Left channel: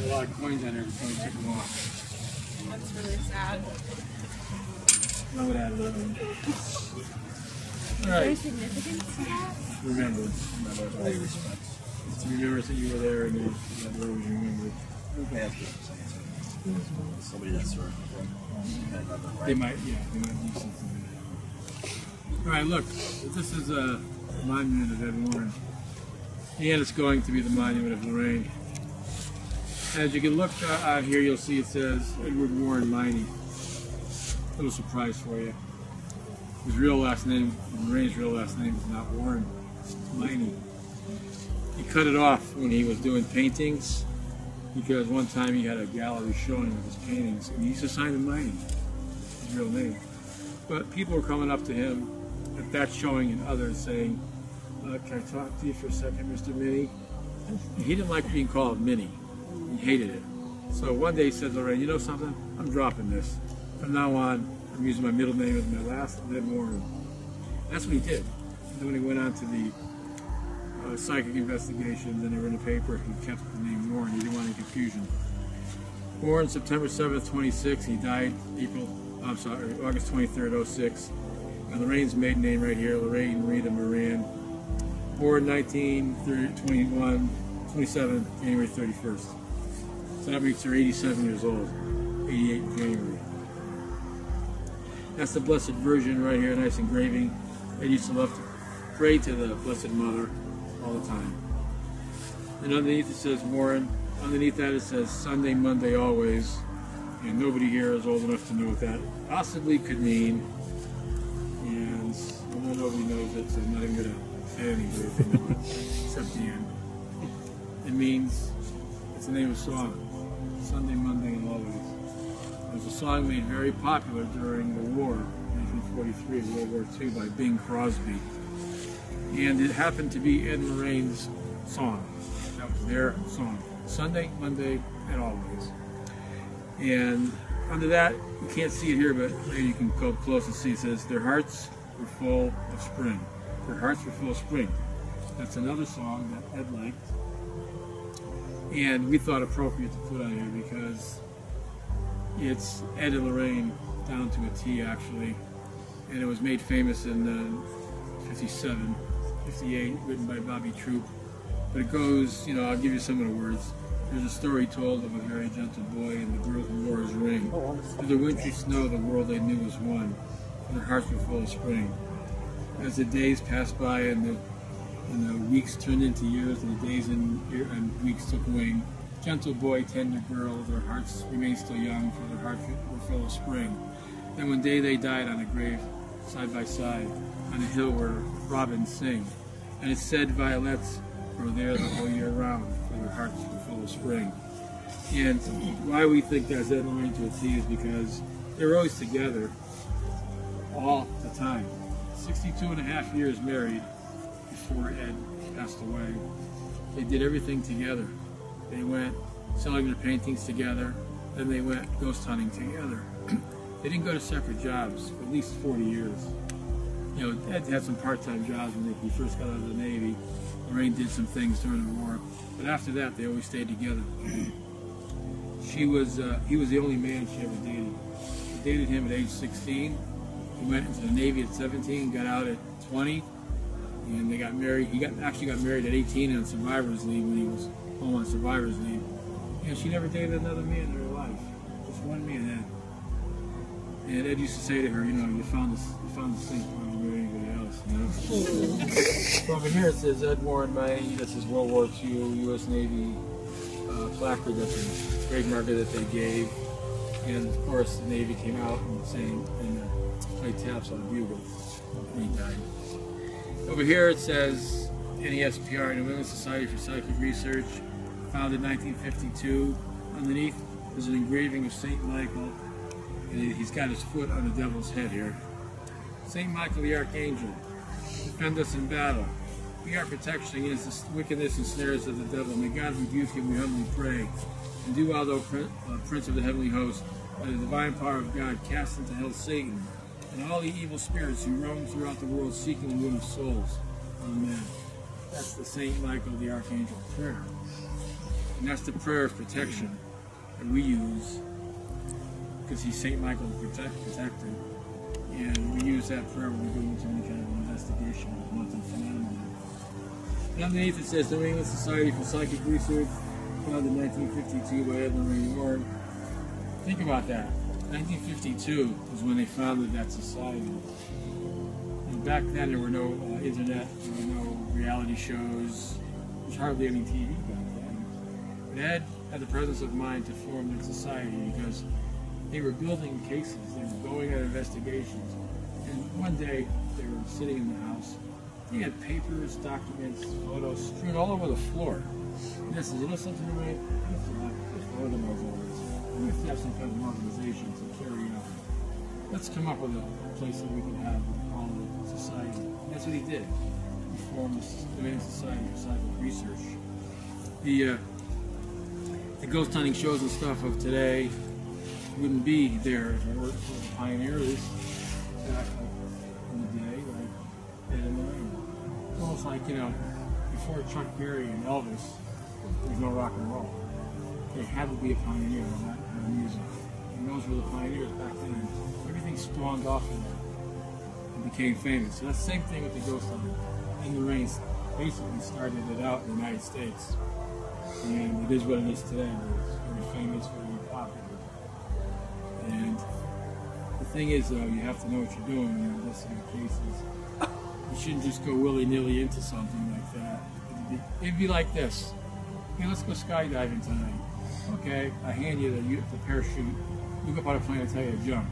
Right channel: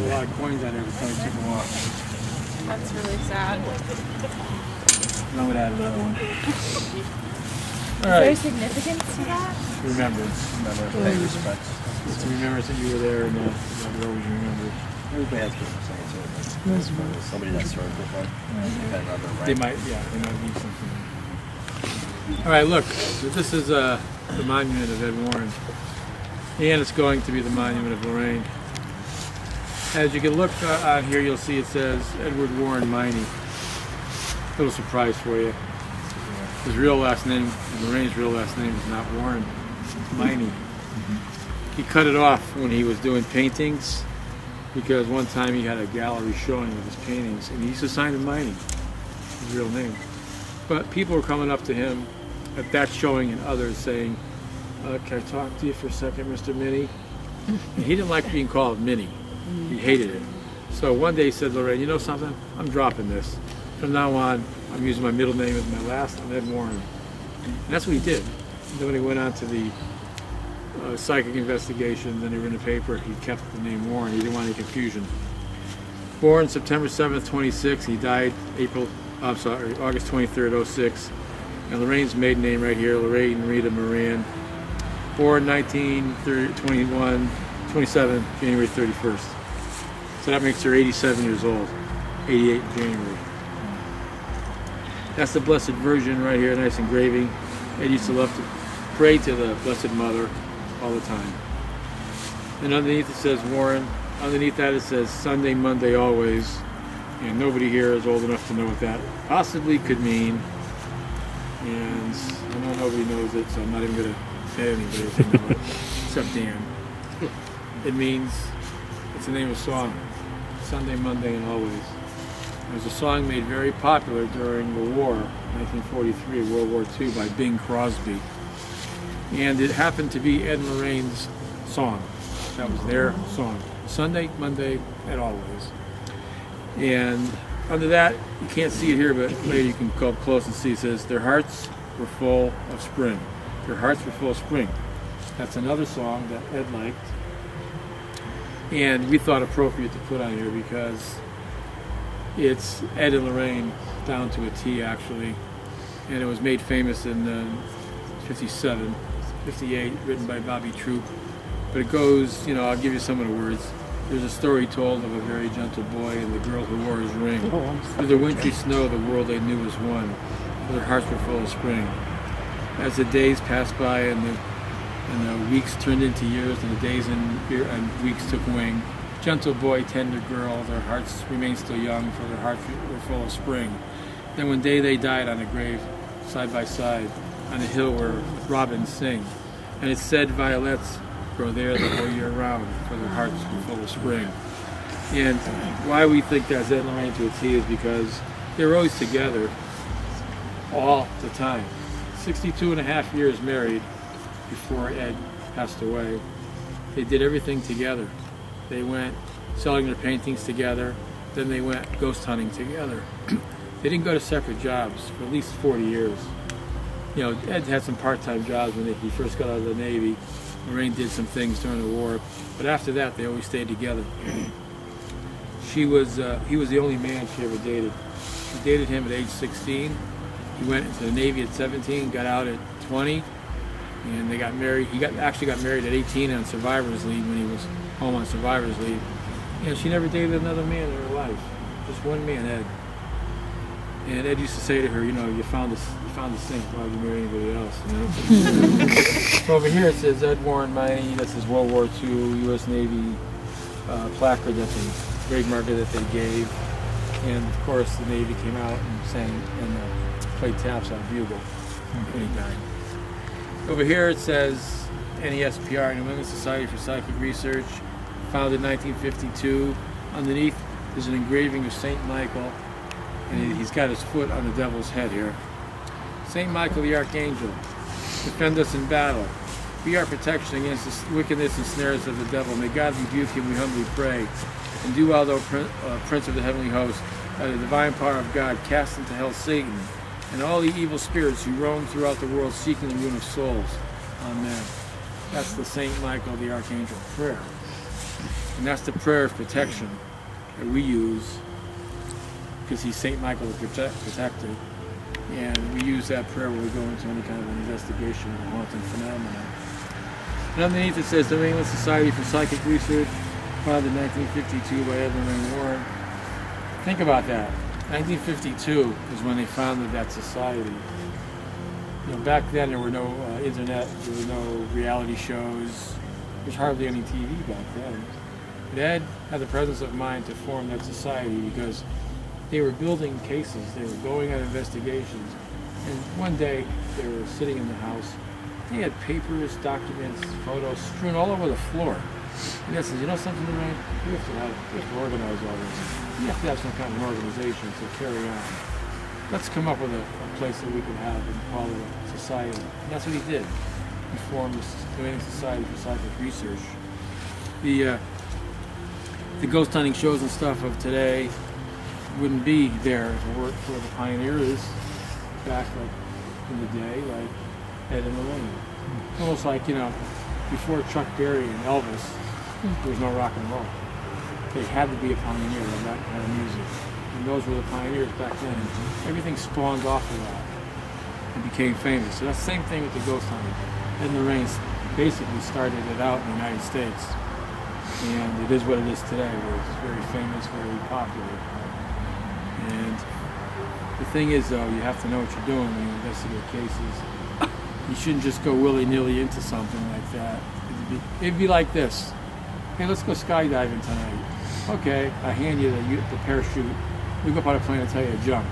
have a lot of coins on there before we took them off. That's really sad. I would add another one. Is there significance to that? Remembrance. Pay respects. It's a remembrance that you were there and that you're always remembered. Everybody has different sayings too. Somebody that served with them. Right? They might need something. All right, look. So this is the monument of Ed Warren. And it's going to be the monument of Lorraine. As you can look on here, you'll see it says Edward Warren Miney. Little surprise for you. His real last name, Lorraine's real last name, is not Warren, it's Miney. He cut it off when he was doing paintings because one time he had a gallery showing of his paintings and he used to sign him Miney, his real name. But people were coming up to him at that showing and others saying, can I talk to you for a second, Mr. Minnie? And he didn't like being called Minnie. He hated it. So one day he said, Lorraine, you know something? I'm dropping this. From now on, I'm using my middle name as my last. I'm Ed Warren. And that's what he did. Then when he went on to the psychic investigations and they were in the paper, he kept the name Warren. He didn't want any confusion. Born September 7th, 26. He died August 23rd, 06. And Lorraine's maiden name right here, Lorraine Rita Moran. Born 27, January 31st. So that makes her 87 years old. 88 in January. That's the Blessed Virgin right here, nice engraving. Ed used to love to pray to the Blessed Mother all the time. And underneath it says Warren. Underneath that it says Sunday, Monday, always. And nobody here is old enough to know what that possibly could mean. And I know nobody knows it, so I'm not even going to say anybody if they know it, except Dan. It means, it's the name of a song. Sunday, Monday, and always. It was a song made very popular during the war, 1943, World War II, by Bing Crosby. And it happened to be Ed and Lorraine's song. That was their song. Sunday, Monday, and always. And under that, you can't see it here, but later you can go up close and see it says, their hearts were full of spring. Their hearts were full of spring. That's another song that Ed liked. And we thought appropriate to put on here because it's Ed and Lorraine down to a T actually, and it was made famous in 57, 58, written by Bobby Troop. But it goes, you know, I'll give you some of the words. There's a story told of a very gentle boy and the girl who wore his ring. Through the wintry snow, the world they knew was one, for their hearts were full of spring. As the days passed by and the weeks turned into years, and the days and weeks took wing, gentle boy, tender girl, their hearts remained still young, for their hearts were full of spring. Then one day they died on a grave, side by side, on a hill where robins sing. And it said violets grow there the whole year round, for their hearts were full of spring. And why we think that's Ed and Lorraine to a T is because they were always together all the time. 62 and a half years married before Ed passed away. They did everything together. They went selling their paintings together, then they went ghost hunting together. They didn't go to separate jobs for at least 40 years. You know, Ed had some part-time jobs when he first got out of the Navy. Lorraine did some things during the war, but after that they always stayed together. He was the only man she ever dated. She dated him at age 16. He went into the Navy at 17, got out at 20, and they got married. He actually got married at 18 on survivor's leave when he was home on survivor's leave. And she never dated another man in her life, just one man, Ed. And Ed used to say to her, you know, you found the saint, why would you marry anybody else? You know? Over here it says Ed Warren Miney. That's his World War II U.S. Navy placard. That's a grave marker that they gave. And of course the Navy came out and sang and played taps on a bugle when he died. Over here it says NESPR, New England Society for Psychic Research, founded in 1952. Underneath there's an engraving of St. Michael, and he's got his foot on the devil's head here. St. Michael the Archangel, defend us in battle. Be our protection against the wickedness and snares of the devil. May God rebuke him, we humbly pray. And do thou, Prince of the heavenly host, by the divine power of God, cast into hell Satan and all the evil spirits who roam throughout the world seeking the ruin of souls. Amen. That's the St. Michael the Archangel prayer. And that's the prayer of protection that we use, because he's St. Michael the protector. And we use that prayer when we go into any kind of an investigation of haunted phenomena. And underneath it says, the New England Society for Psychic Research, founded in 1952 by Lorraine Warren. Think about that. 1952 is when they founded that society. You know, back then there were no internet, there were no reality shows, there was hardly any TV back then. But Ed had the presence of mind to form that society because they were building cases, they were going on investigations, and one day they were sitting in the house. They had papers, documents, photos strewn all over the floor. And I said, you know something, Lorraine? We have to organize all this. We have to have some kind of organization to carry on. Let's come up with a place that we can have and call it a society. And that's what he did. He formed the New England Society for Psychic Research. The ghost hunting shows and stuff of today wouldn't be there if it weren't for the pioneers back in the day, like Ed and Lorraine. Almost like, you know, before Chuck Berry and Elvis, there was no rock and roll. They had to be a pioneer of that kind of music. And those were the pioneers back then. Everything spawned off of that and became famous. So that's the same thing with the ghost hunting. Ed and Lorraine basically started it out in the United States. And it is what it is today, where it's very famous, very popular. And the thing is, though, you have to know what you're doing when you investigate cases. You shouldn't just go willy-nilly into something like that. It'd be like this. Hey, let's go skydiving tonight. Okay, I hand you the parachute. We go up on a plane and tell you to jump.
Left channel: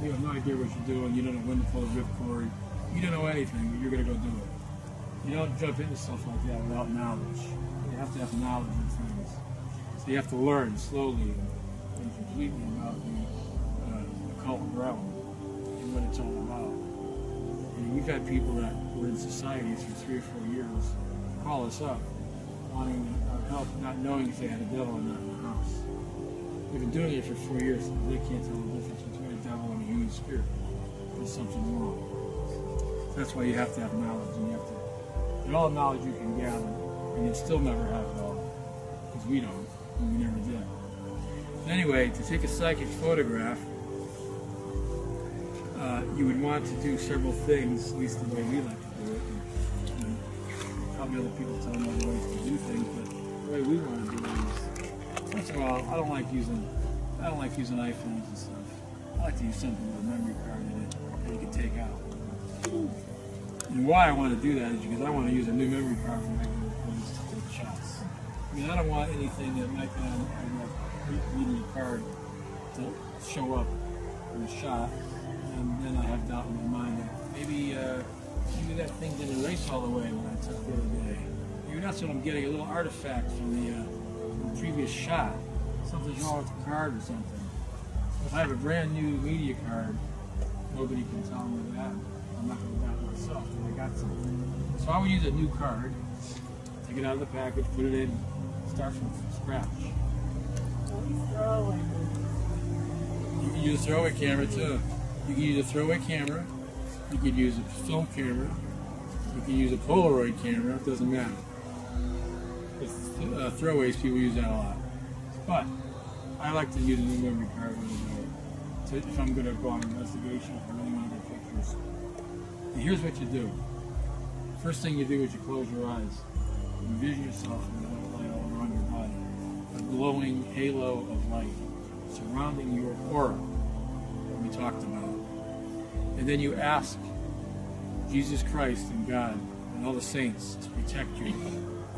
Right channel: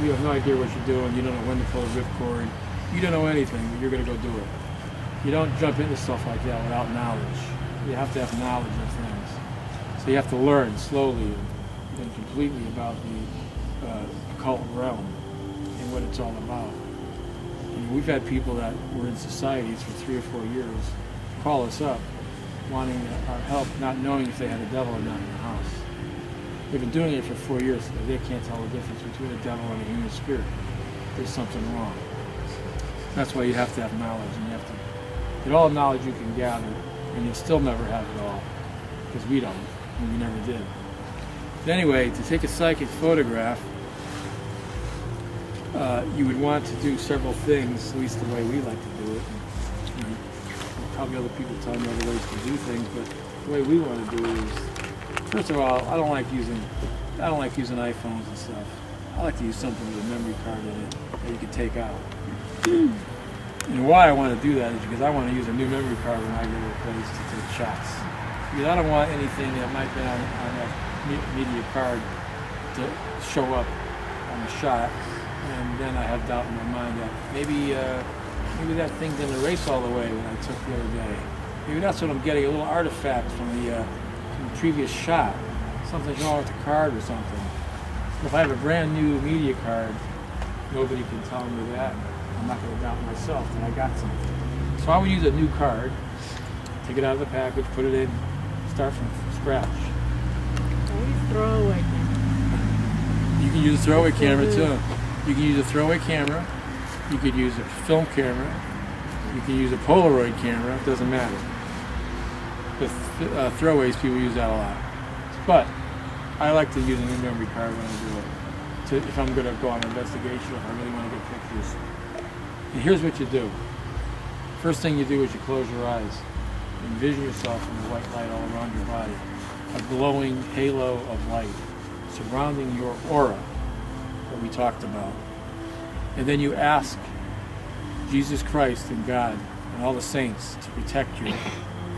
You have no idea what you're doing. You don't know when to pull the ripcord. You don't know anything, but you're going to go do it. You don't jump into stuff like that without knowledge. You have to have knowledge of things. So you have to learn slowly and completely about the occult realm and what it's all about. And we've had people that were in societies for 3 or 4 years call us up wanting our help, not knowing if they had a devil or not in the house. They've been doing it for 4 years, and they can't tell the difference between a devil and a human spirit. There's something wrong. That's why you have to have knowledge, and you have to get all the knowledge you can gather, and you'll still never have it all, because we don't, and we never did. But anyway, to take a psychic photograph, you would want to do several things, at least the way we like to do it. And, you know, probably other people tell them other ways to do things, but the way we want to do it is, first of all, I don't like using iPhones and stuff. I like to use something with a memory card in it that you can take out. And why I want to do that is because I want to use a new memory card when I go to a place to take shots. Because I don't want anything that might be on that media card to show up on the shot, and then I have doubt in my mind that maybe that thing didn't erase all the way when I took the other day. Maybe that's what I'm getting, a little artifact from the previous shot. Something's wrong with the card or something. If I have a brand new media card, nobody can tell me that. I'm not going to doubt myself that I got something. So I would use a new card, take it out of the package, put it in, start from scratch. Throwaway. You can use a throwaway camera too. You can use a throwaway camera. You could use a film camera. You can use a Polaroid camera. It doesn't matter. With throwaways, people use that a lot. But I like to use a new memory card when I do it. If I'm going to go on an investigation, if I really want to get pictures. And here's what you do. First thing you do is you close your eyes. Envision yourself in the white light all around your body. A glowing halo of light surrounding your aura that we talked about. And then you ask Jesus Christ and God and all the saints to protect you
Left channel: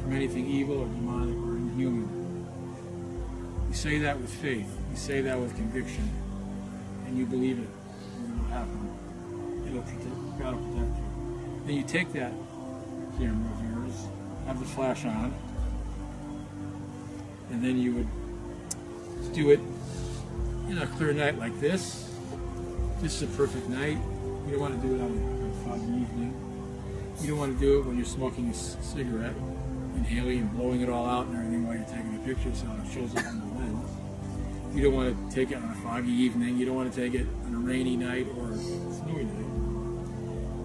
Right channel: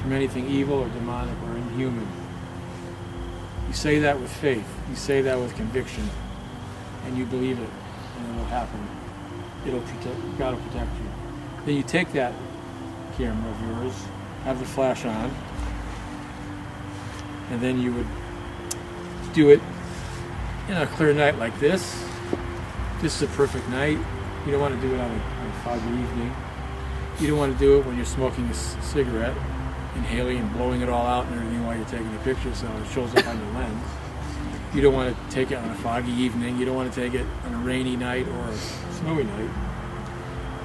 from anything evil or demonic or inhuman. You say that with faith. You say that with conviction. And you believe it. And it'll happen. God will protect you. Then you take that camera of yours, have the flash on, and then you would do it in a clear night like this. This is a perfect night. You don't want to do it on a foggy evening. You don't want to do it when you're smoking a cigarette, inhaling and blowing it all out and everything while you're taking a picture so it shows up on your lens. You don't want to take it on a foggy evening. You don't want to take it on a rainy night or a snowy night.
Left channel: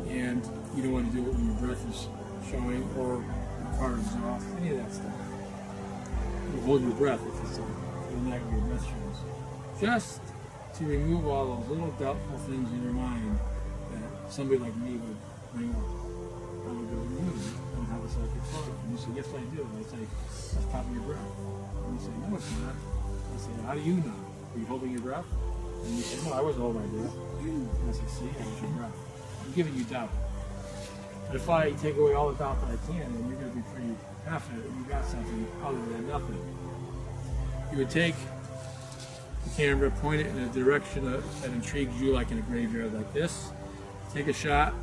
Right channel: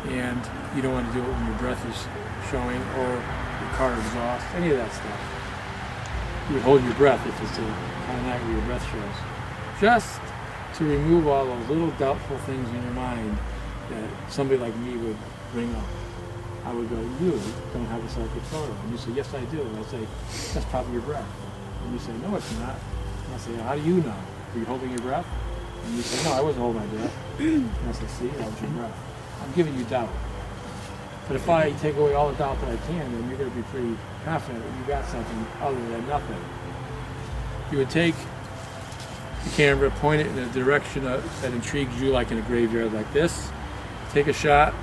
And you don't want to do it when your breath is showing or your car exhaust, any of that stuff. you would hold your breath if it's a kind of night where your breath shows. Just to remove all those little doubtful things in your mind that somebody like me would bring up. I would go, you don't have a psychic photo. And you say, yes, I do. And I say, that's probably your breath. And you say, no, it's not. And I say, how do you know? Were you holding your breath? And you say, no, I wasn't holding my breath. And I say, see, that was your breath. I'm giving you doubt. But if I take away all the doubt that I can, then you're going to be pretty confident that you got something other than nothing. You would take the camera, point it in a direction that intrigues you, like in a graveyard like this. Take a shot.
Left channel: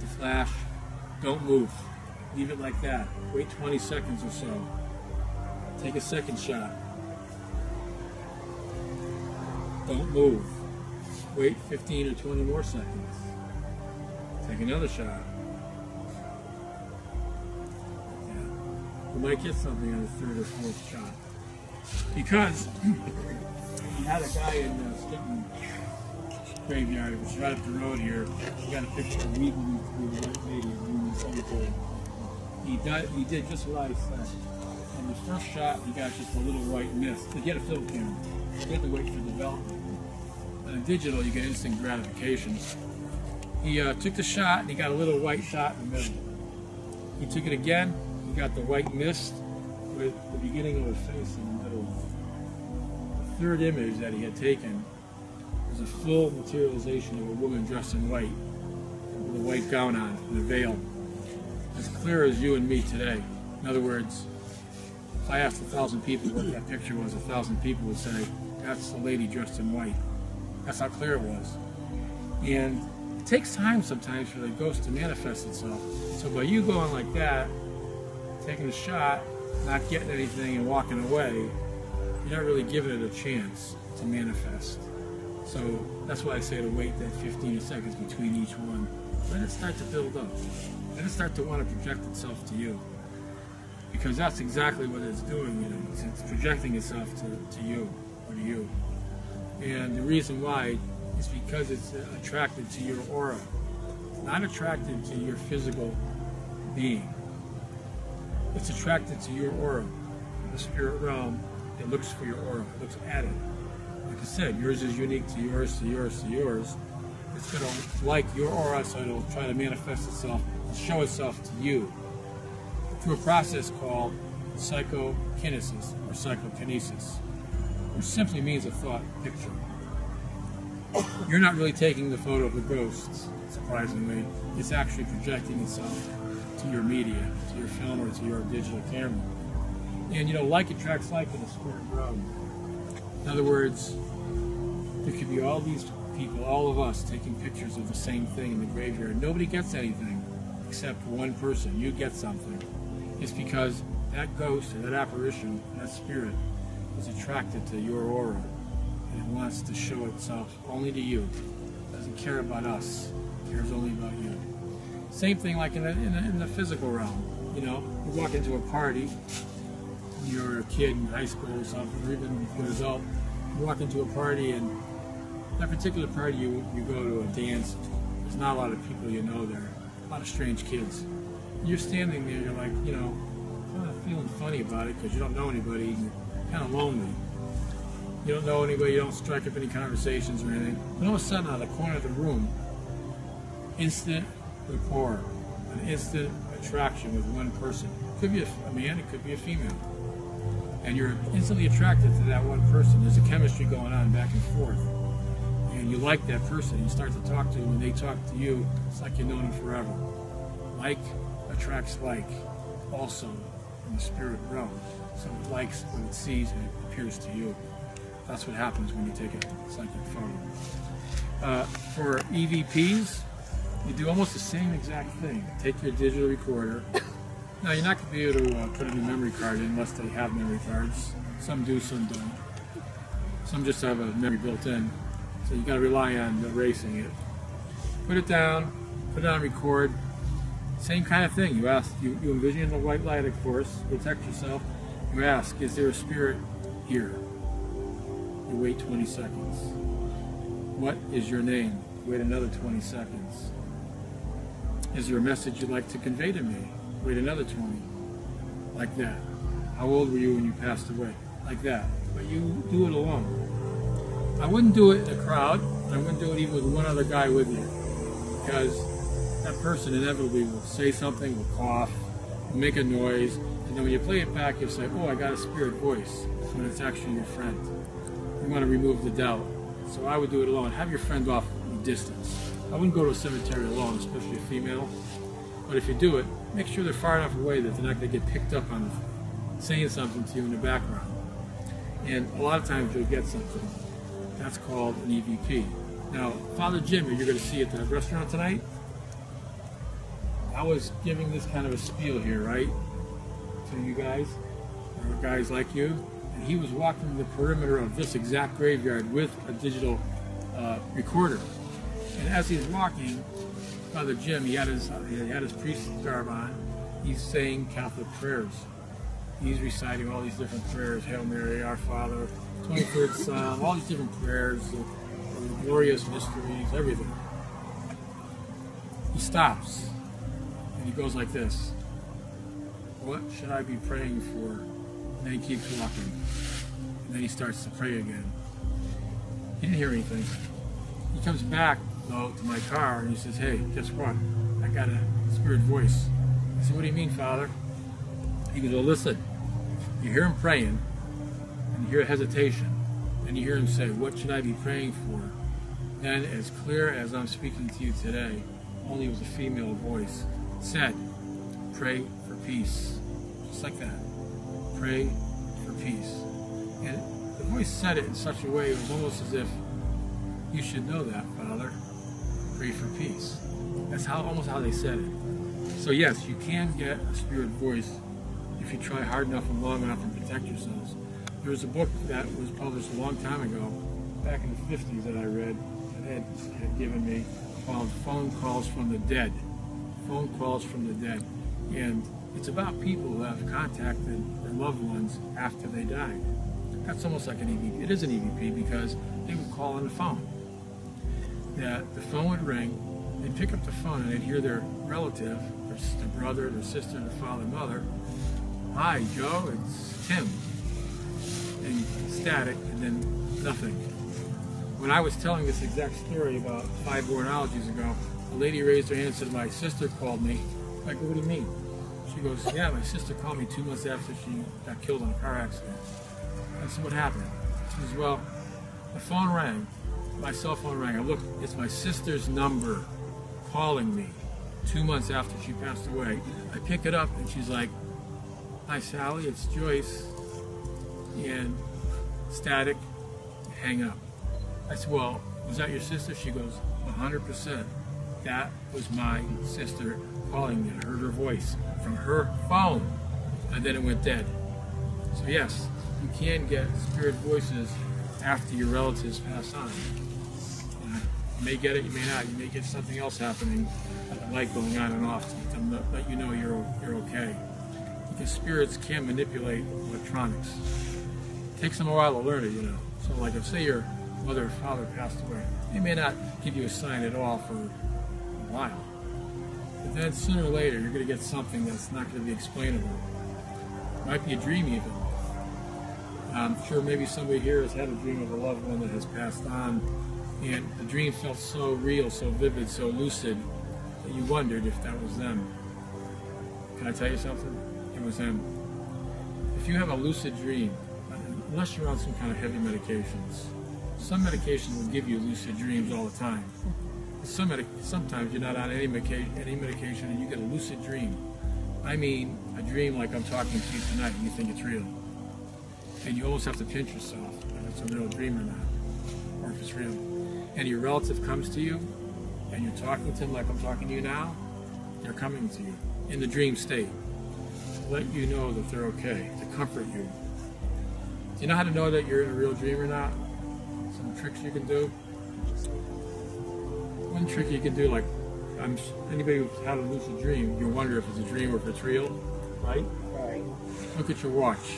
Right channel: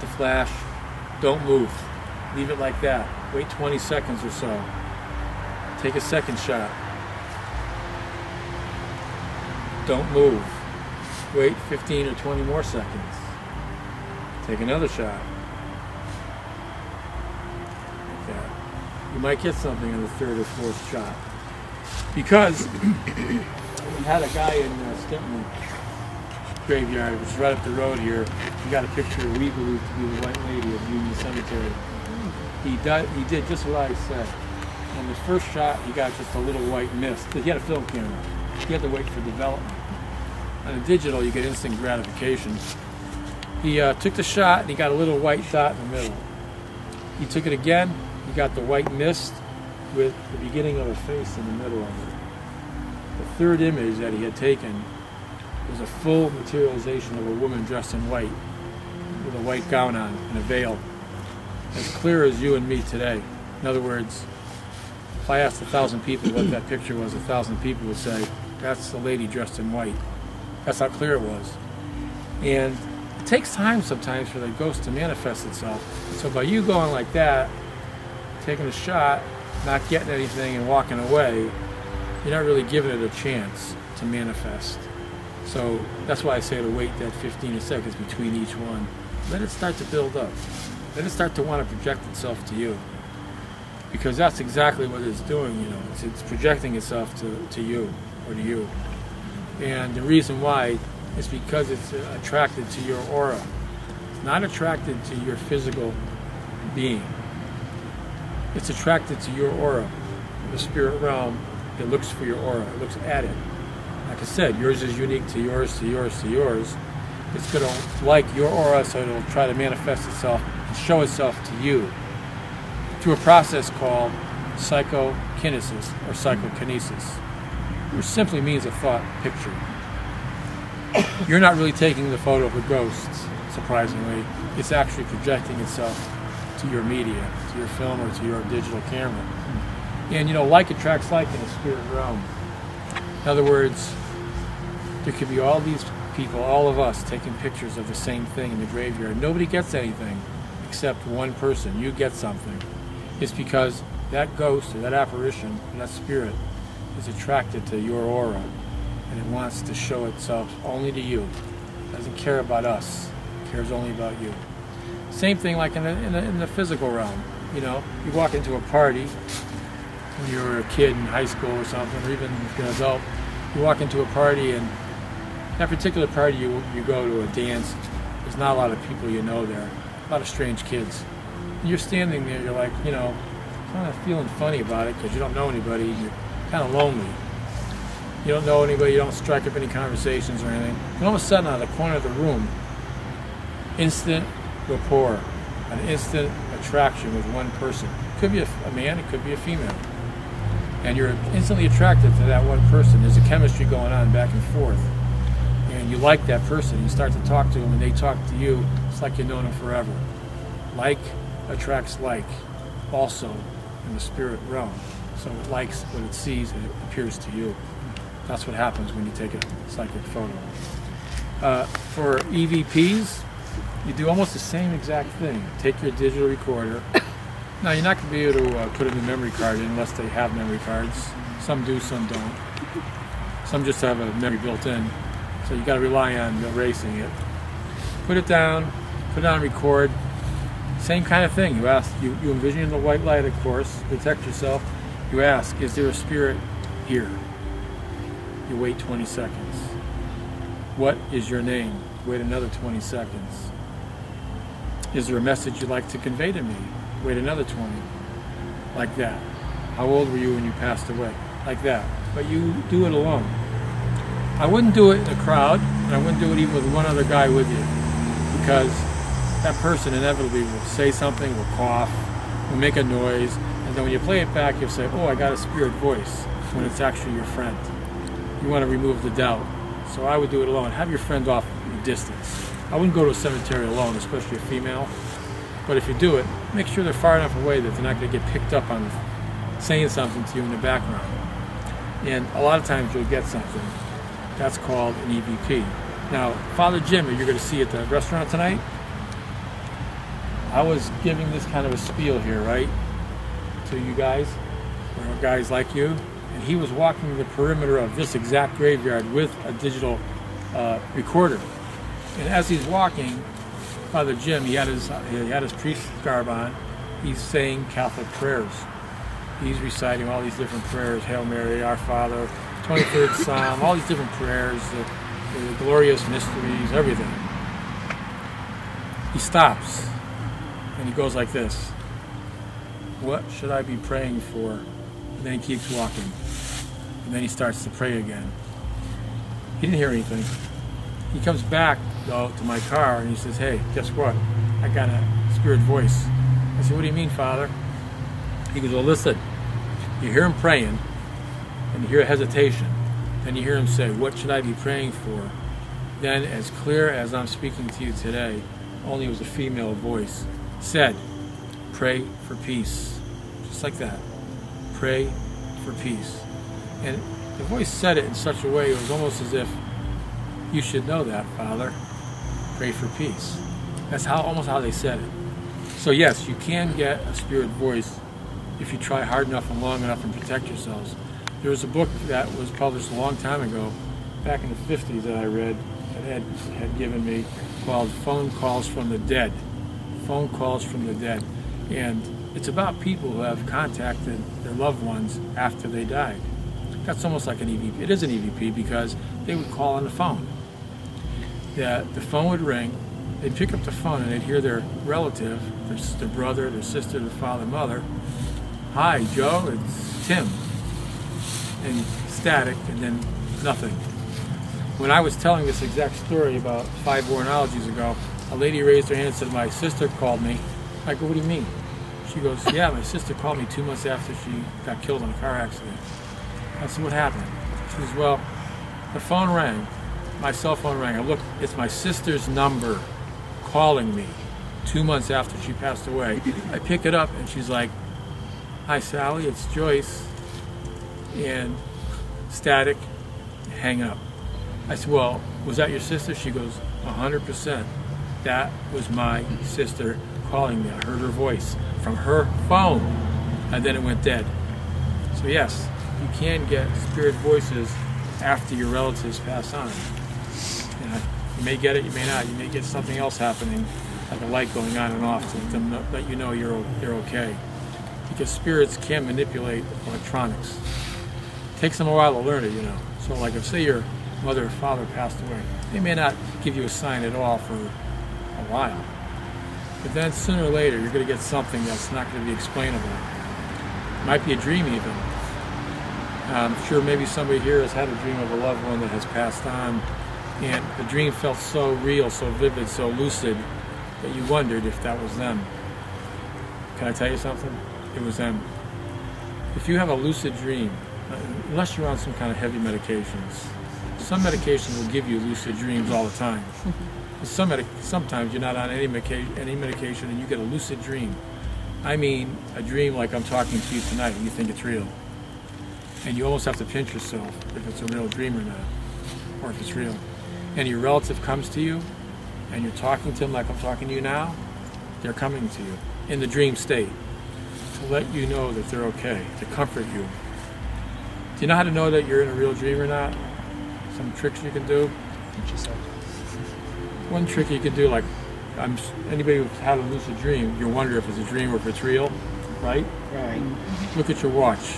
The flash. Don't move. Leave it like that. Wait 20 seconds or so. Take a second shot. Don't move. Wait 15 or 20 more seconds. Take another shot. Like that. You might get something on the third or fourth shot. Because we had a guy in Stepney graveyard, which is right up the road here. He got a picture we believe to be the White Lady of Union Cemetery. He did just what I said. In the first shot, he got just a little white mist. He had a film camera. You had to wait for development. On a digital, you get instant gratification. He took the shot, and he got a little white dot in the middle. He took it again. He got the white mist with the beginning of a face in the middle of it. The third image that he had taken was a full materialization of a woman dressed in white, with a white gown on and a veil, as clear as you and me today. In other words, if I asked 1,000 people what that picture was, 1,000 people would say, that's the lady dressed in white. That's how clear it was. And it takes time sometimes for the ghost to manifest itself. So by you going like that, taking a shot, not getting anything and walking away, you're not really giving it a chance to manifest. So that's why I say to wait that 15 seconds between each one. Let it start to build up. Let it start to want to project itself to you. Because that's exactly what it's doing, you know. It's projecting itself to you or to you. And the reason why is because it's attracted to your aura. It's not attracted to your physical being. It's attracted to your aura. The spirit realm, it looks for your aura. It looks at it. Like I said, yours is unique to yours, to yours, to yours. It's going to like your aura, so it'll try to manifest itself and show itself to you through a process called psychokinesis or psychokinesis, which simply means a thought picture. You're not really taking the photo of a ghost, surprisingly. It's actually projecting itself to your media, to your film or to your digital camera. And you know, like attracts like in the spirit realm. In other words, there could be all these people, all of us, taking pictures of the same thing in the graveyard. Nobody gets anything except one person. You get something. It's because that ghost or that apparition, that spirit, is attracted to your aura, and it wants to show itself only to you. It doesn't care about us. It cares only about you. Same thing like in the physical realm. You know, you walk into a party when you were a kid in high school or something, or even if you're an adult, you walk into a party, and that particular party you go to a dance, there's not a lot of people you know there, a lot of strange kids. And you're standing there, you're like, you know, kind of feeling funny about it because you don't know anybody, you're kind of lonely. You don't know anybody, you don't strike up any conversations or anything. And all of a sudden, out of the corner of the room, instant rapport, an instant attraction with one person. It could be a man, it could be a female. And you're instantly attracted to that one person. There's a chemistry going on back and forth. And you like that person. You start to talk to them, and they talk to you. It's like you've known them forever. Like attracts like, also in the spirit realm. So it likes what it sees, and it appears to you. That's what happens when you take a psychic photo. For EVPs, you do almost the same exact thing. Take your digital recorder. Now, you're not going to be able to put a new memory card in unless they have memory cards. Some do, some don't. Some just have a memory built in. So you got to rely on erasing it. Put it down, put it on record. Same kind of thing. You ask, you envision the white light, of course, protect yourself. You ask, is there a spirit here? You wait 20 seconds. What is your name? Wait another 20 seconds. Is there a message you'd like to convey to me? Wait another 20. Like that. how old were you when you passed away? Like that. But you do it alone. I wouldn't do it in a crowd, and I wouldn't do it even with one other guy with you, because that person inevitably will say something, will cough, will make a noise, and then when you play it back, you'll say, oh, I got a spirit voice, when it's actually your friend. You want to remove the doubt. So I would do it alone. Have your friend off in distance. I wouldn't go to a cemetery alone, especially a female. But if you do it, make sure they're far enough away that they're not going to get picked up on saying something to you in the background. And a lot of times you'll get something. That's called an EVP. Now, Father Jim, you're going to see at the restaurant tonight, I was giving this kind of a spiel here, right, to you guys, or guys like you, and he was walking the perimeter of this exact graveyard with a digital recorder. And as he's walking, Father Jim, he had his priest's garb on. He's saying Catholic prayers. He's reciting all these different prayers: Hail Mary, Our Father, 23rd Psalm, all these different prayers, the glorious mysteries, everything. He stops and he goes like this: what should I be praying for? And then he keeps walking. And then he starts to pray again. He didn't hear anything. He comes back, though, to my car and he says, hey, guess what? I got a spirit voice. I said, what do you mean, Father? He goes, well, listen, you hear him praying, and you hear hesitation, and you hear him say, what should I be praying for? Then, as clear as I'm speaking to you today, only it was a female voice, said, pray for peace. Just like that. Pray for peace. And the voice said it in such a way, it was almost as if, you should know that, Father. Pray for peace. That's almost how they said it. So yes, you can get a spirit voice if you try hard enough and long enough and protect yourselves. There was a book that was published a long time ago, back in the 50s, that I read, that Ed had given me, called Phone Calls from the Dead. Phone Calls from the Dead. And it's about people who have contacted their loved ones after they died. That's almost like an EVP. It is an EVP because they would call on the phone. The phone would ring, they'd pick up the phone and they'd hear their relative, their brother, their sister, their father, mother. Hi, Joe, it's Tim. And static, and then nothing. When I was telling this exact story about 5 Demonologists ago, a lady raised her hand and said, my sister called me. I go, what do you mean? She goes, yeah, my sister called me 2 months after she got killed in a car accident. I said, what happened? She goes, well, the phone rang. My cell phone rang. I looked, it's my sister's number calling me 2 months after she passed away. I pick it up and she's like, hi Sally, it's Joyce. And static, hang up. I said, well, was that your sister? She goes, 100%. That was my sister calling me. I heard her voice from her phone. And then it went dead. So yes, you can get spirit voices after your relatives pass on. You may get it, you may not. You may get something else happening, like a light going on and off to let you know you're okay. Because spirits can manipulate electronics. It takes them a while to learn it, you know. So like if, say, your mother or father passed away, they may not give you a sign at all for a while. But then sooner or later, you're going to get something that's not going to be explainable. It might be a dream even. I'm sure maybe somebody here has had a dream of a loved one that has passed on, and the dream felt so real, so vivid, so lucid, that you wondered if that was them. Can I tell you something? It was them. If you have a lucid dream, unless you're on some kind of heavy medications, some medications will give you lucid dreams all the time. Sometimes you're not on any medication and you get a lucid dream. I mean a dream like I'm talking to you tonight and you think it's real. And you almost have to pinch yourself if it's a real dream or not, or if it's real. And your relative comes to you and you're talking to them like I'm talking to you now, they're coming to you in the dream state to let you know that they're okay, to comfort you. Do you know how to know that you're in a real dream or not? Some tricks you can do? One trick you can do, like anybody who's had a lucid dream, you wonder if it's a dream or if it's real, right? Look at your watch.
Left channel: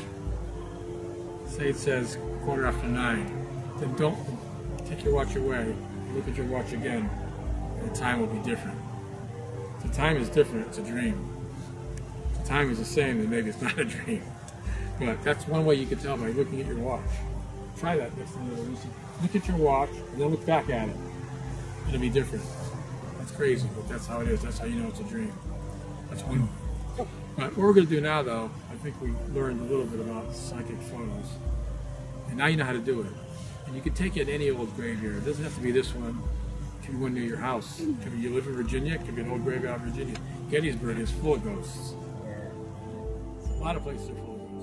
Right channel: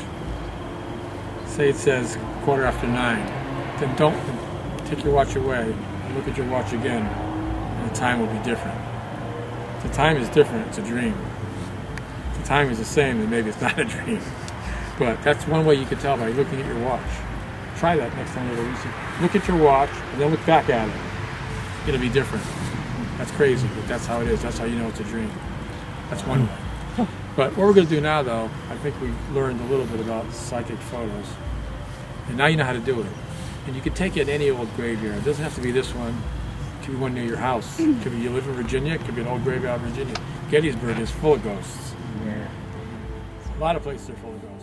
Say it says 9:15. Then don't take your watch away and look at your watch again, and the time will be different. If the time is different, it's a dream. If the time is the same, then maybe it's not a dream. But that's one way you can tell by looking at your watch. Try that next time you release it. Look at your watch and then look back at it. It'll be different. That's crazy, but that's how it is. That's how you know it's a dream. That's one way. But what we're going to do now, though, I think we learned a little bit about psychic photos. And now you know how to do it. And you can take it in any old graveyard. It doesn't have to be this one. It could be one near your house. It could be you live in Virginia. It could be an old graveyard in Virginia. Gettysburg is full of ghosts. A lot of places are full of ghosts.